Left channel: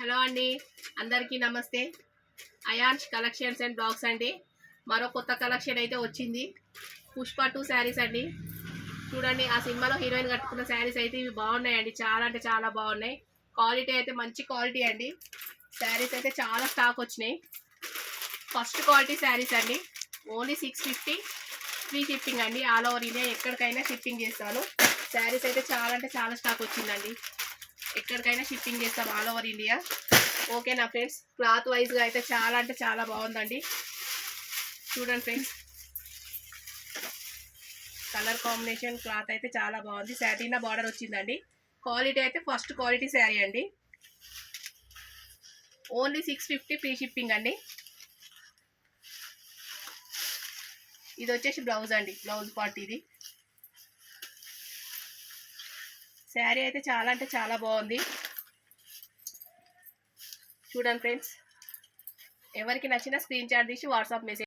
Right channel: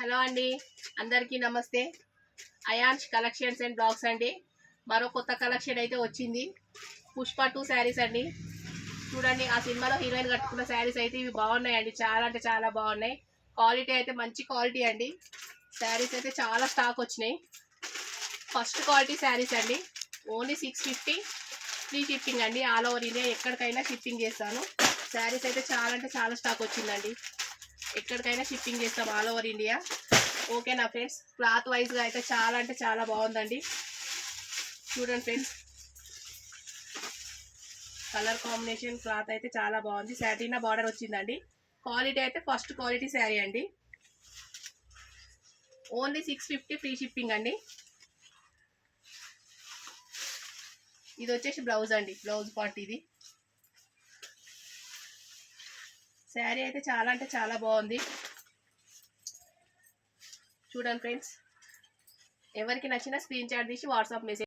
Hello అండి, అందరికీ నమస్తే. అయాన్స్ కలెక్షన్స్ అండ్ బ్లాగ్స్ అండి. మరో కొత్త కలెక్షన్ అయితే వచ్చింది. పుష్ప 2 శారీస్ అండి. చూడండి, ఆ సినిమాలో హీరోయిన్ కట్టుకున్న శారీస్ అయితే ఇవి బాగున్నాయండి. చాలా అంటే చాలా బాగున్నాయి. క్వాలిటీ అయితే మంచి క్వాలిటీ అండి. శారీస్ అయితే చాలా స్టాక్ వచ్చినాయి. ఫస్ట్ క్వాలిటీ శారీస్ అండి. ఓన్లీ 650 ఫ్రీ షిప్పింగ్ అండి. ఆల్ ఓవర్ ఇండియా ఎక్కడికైనా షిప్పింగ్ చేస్తాను. శారీస్ అయితే చాలా అంటే చాలా స్టాక్ వచ్చిందండి. ఎక్కడికైనా షిప్పింగ్ చేస్తాం ఆల్ ఓవర్ ఇండియా. ఓకేనా ఫ్రెండ్స్, క్లాత్ వైజ్గా అయితే చాలా అంటే చాలా బాగుందండి. చూడండి ఫ్రెండ్స్, కలర్ కాంబినేషన్ క్లాత్ అయితే చాలా బాగుంది. సాటినా బార్డర్ వచ్చిందండి. క్వాలిటీ అయితే ఫస్ట్ క్వాలిటీ శారీ అండి. ఓన్లీ 650 ఫ్రీ షిప్పింగ్ అండి. ఇది వచ్చేసి బ్లౌజ్ అండి, బ్లౌజ్ పార్ట్ ఇది. శారీ అయితే చాలా అంటే చాలా బాగుంది. చూడండి ఫ్రెండ్స్, ఎవరికి నచ్చిన స్క్రీన్ షాట్ తీసి వాట్సాప్ మెసేజ్